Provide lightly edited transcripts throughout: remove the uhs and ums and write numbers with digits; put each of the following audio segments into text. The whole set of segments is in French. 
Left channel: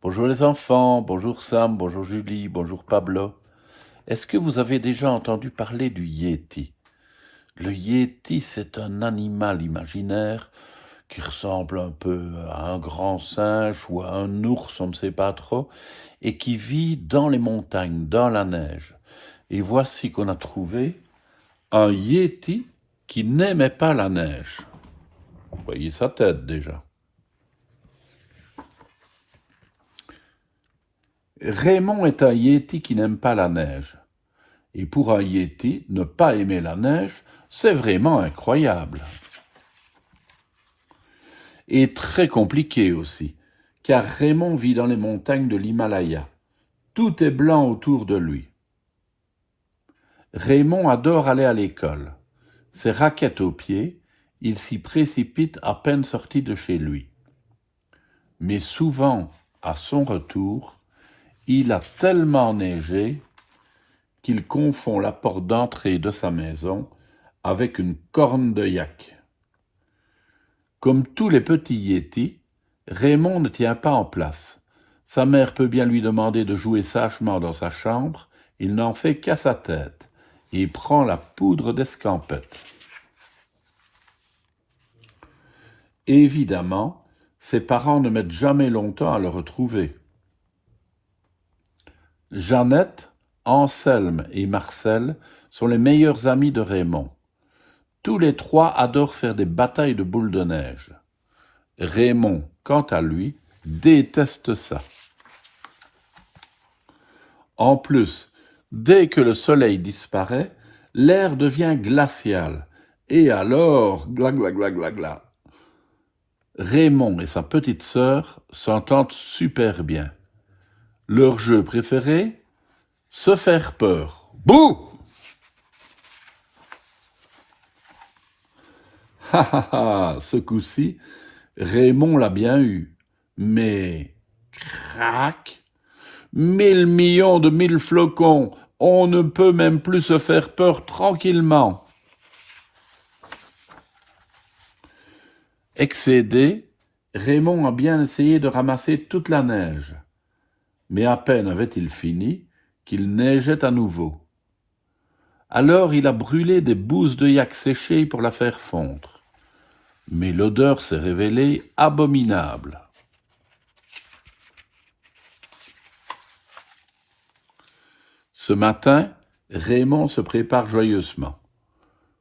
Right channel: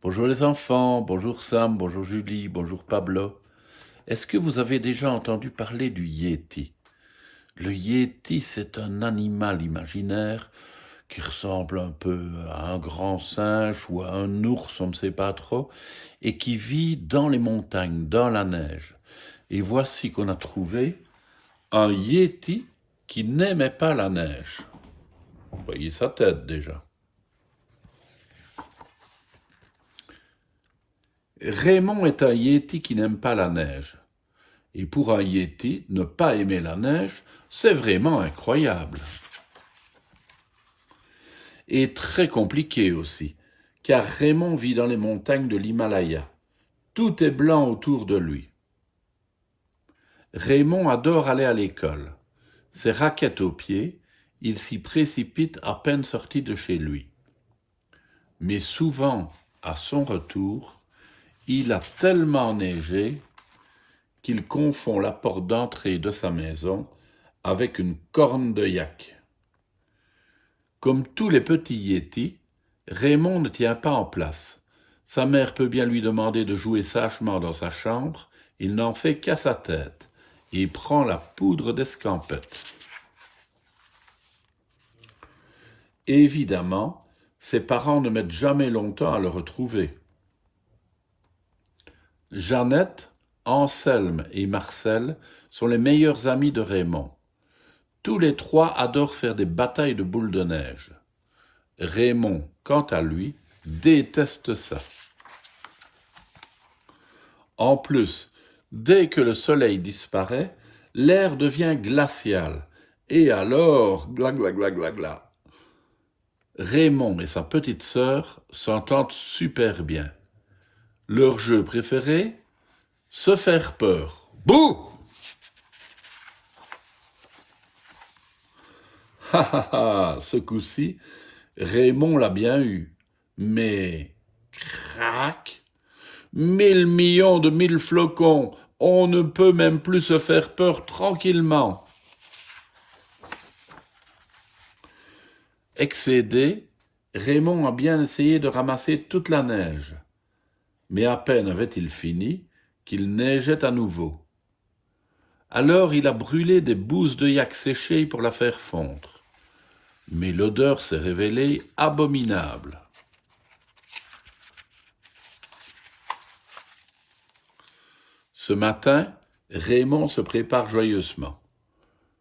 Bonjour les enfants, bonjour Sam, bonjour Julie, bonjour Pablo. Est-ce que vous avez déjà entendu parler du Yéti? Le Yéti, c'est un animal imaginaire qui ressemble un peu à un grand singe ou à un ours, on ne sait pas trop, et qui vit dans les montagnes, dans la neige. Et voici qu'on a trouvé un Yéti qui n'aimait pas la neige. Vous voyez sa tête déjà. Raymond est un Yéti qui n'aime pas la neige. Et pour un Yéti, ne pas aimer la neige, c'est vraiment incroyable. Et très compliqué aussi, car Raymond vit dans les montagnes de l'Himalaya. Tout est blanc autour de lui. Raymond adore aller à l'école. Ses raquettes aux pieds, il s'y précipite à peine sorti de chez lui. Mais souvent, à son retour, il a tellement neigé qu'il confond la porte d'entrée de sa maison avec une corne de yak. Comme tous les petits Yétis, Raymond ne tient pas en place. Sa mère peut bien lui demander de jouer sagement dans sa chambre, il n'en fait qu'à sa tête et prend la poudre d'escampette. Évidemment, ses parents ne mettent jamais longtemps à le retrouver. Jeannette, Anselme et Marcel sont les meilleurs amis de Raymond. Tous les trois adorent faire des batailles de boules de neige. Raymond, quant à lui, déteste ça. En plus, dès que le soleil disparaît, l'air devient glacial. Et alors, gla gla gla gla gla. Raymond et sa petite sœur s'entendent super bien. Leur jeu préféré? Se faire peur. Bouh! Ha ha ha! Ce coup-ci, Raymond l'a bien eu. Mais, crac! 1 000 millions de 1000 flocons, on ne peut même plus se faire peur tranquillement. Excédé, Raymond a bien essayé de ramasser toute la neige. Mais à peine avait-il fini qu'il neigeait à nouveau. Alors il a brûlé des bousses de yak séchées pour la faire fondre. Mais l'odeur s'est révélée abominable. Ce matin, Raymond se prépare joyeusement.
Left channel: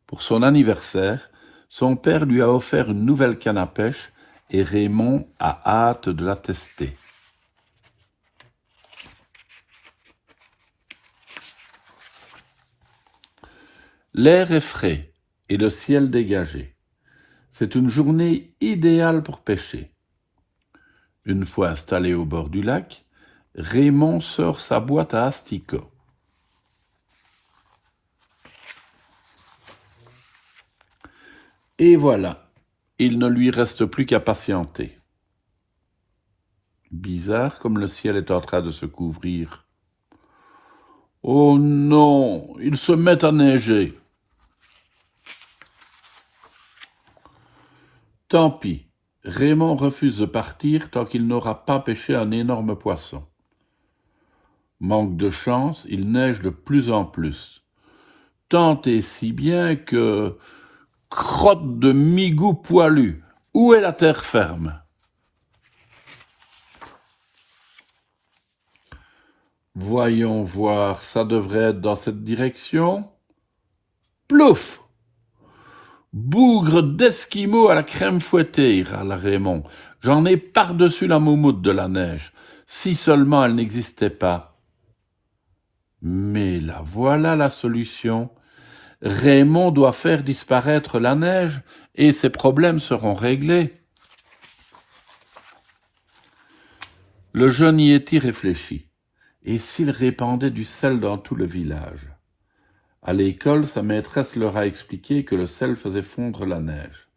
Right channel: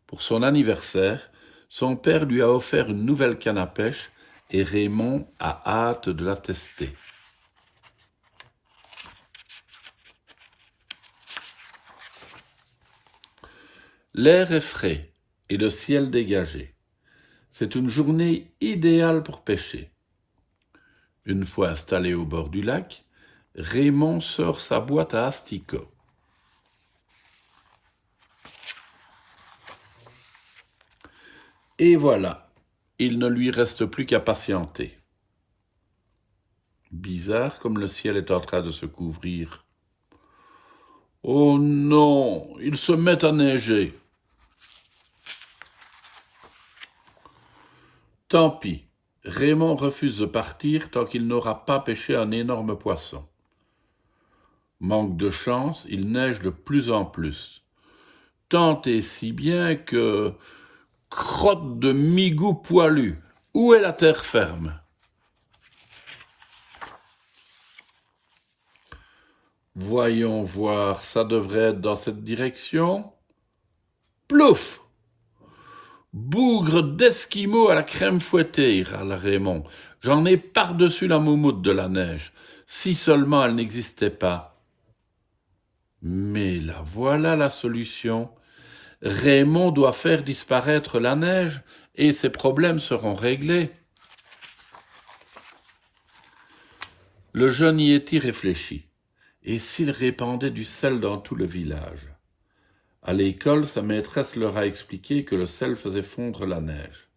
Pour son anniversaire, son père lui a offert une nouvelle canne à pêche et Raymond a hâte de la tester. L'air est frais et le ciel dégagé. C'est une journée idéale pour pêcher. Une fois installé au bord du lac, Raymond sort sa boîte à asticots. Et voilà, il ne lui reste plus qu'à patienter. Bizarre comme le ciel est en train de se couvrir. Oh non, il se met à neiger. Tant pis, Raymond refuse de partir tant qu'il n'aura pas pêché un énorme poisson. Manque de chance, il neige de plus en plus. Tant et si bien que... Crotte de migou poilu, où est la terre ferme? Voyons voir, ça devrait être dans cette direction. Plouf! Bougre d'esquimau à la crème fouettée, râla Raymond. J'en ai par-dessus la moumoute de la neige. Si seulement elle n'existait pas. Mais là voilà la solution. Raymond doit faire disparaître la neige et ses problèmes seront réglés. Le jeune Yéti réfléchit. Et s'il répandait du sel dans tout le village? À l'école, sa maîtresse leur a expliqué que le sel faisait fondre la neige.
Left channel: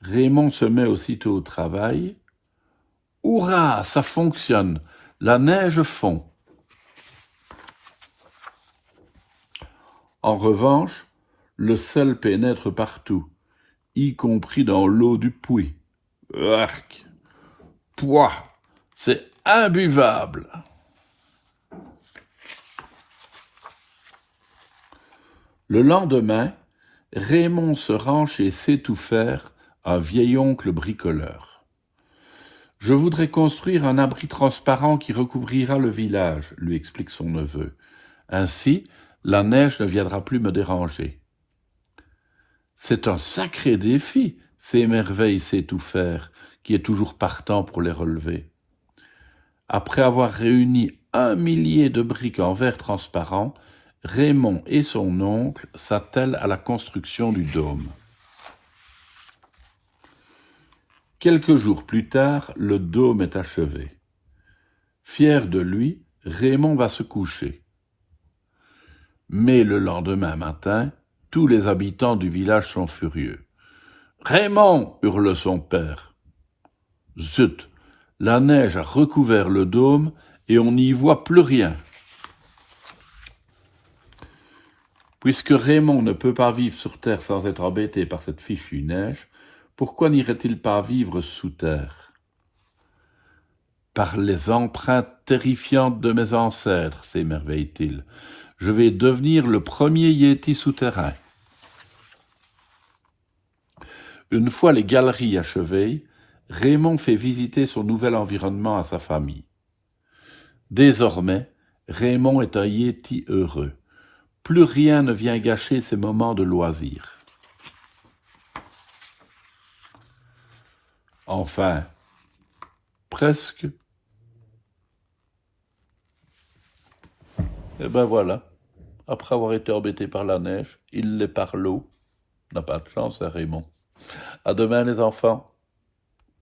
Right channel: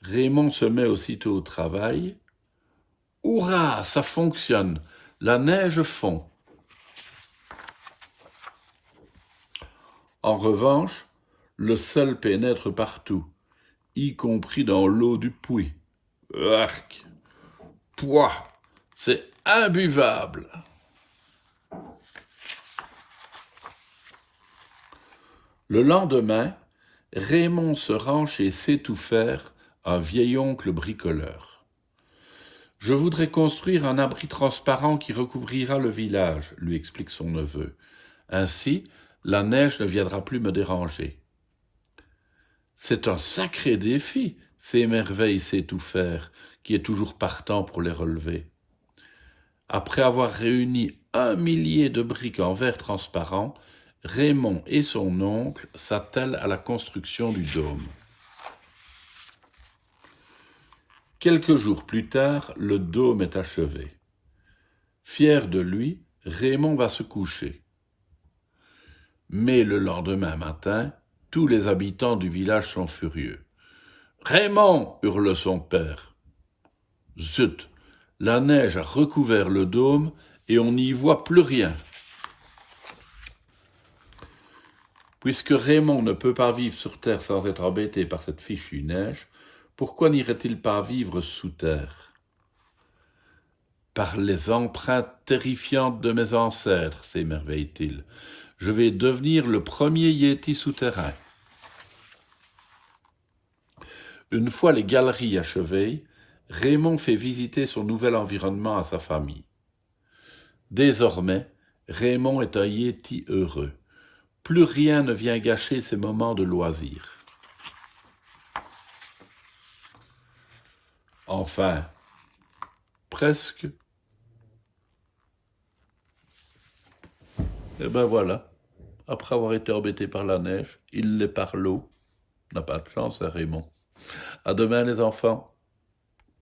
Raymond se met aussitôt au travail. Hurrah, ça fonctionne! La neige fond. En revanche, le sel pénètre partout, y compris dans l'eau du puits. Arc! Pouah! C'est imbuvable. Le lendemain, Raymond se rend chez Sait-Tout-Faire, un vieil oncle bricoleur. « Je voudrais construire un abri transparent qui recouvrira le village, » lui explique son neveu. « Ainsi, la neige ne viendra plus me déranger. » C'est un sacré défi, s'émerveille Sait-Tout-Faire, qui est toujours partant pour les relever. Après avoir réuni 1 millier de briques en verre transparent, Raymond et son oncle s'attellent à la construction du dôme. Quelques jours plus tard, le dôme est achevé. Fier de lui, Raymond va se coucher. Mais le lendemain matin, tous les habitants du village sont furieux. « Raymond !» hurle son père. « Zut ! La neige a recouvert le dôme et on n'y voit plus rien. » Puisque Raymond ne peut pas vivre sur terre sans être embêté par cette fichue neige, pourquoi n'irait-il pas vivre sous terre? Par les empreintes terrifiantes de mes ancêtres, s'émerveille-t-il, je vais devenir le premier Yéti souterrain. Une fois les galeries achevées, Raymond fait visiter son nouvel environnement à sa famille. Désormais, Raymond est un Yéti heureux. Plus rien ne vient gâcher ses moments de loisir. Enfin, presque. Et ben voilà, après avoir été embêté par la neige, il l'est par l'eau. N'a pas de chance, hein, Raymond. À demain les enfants.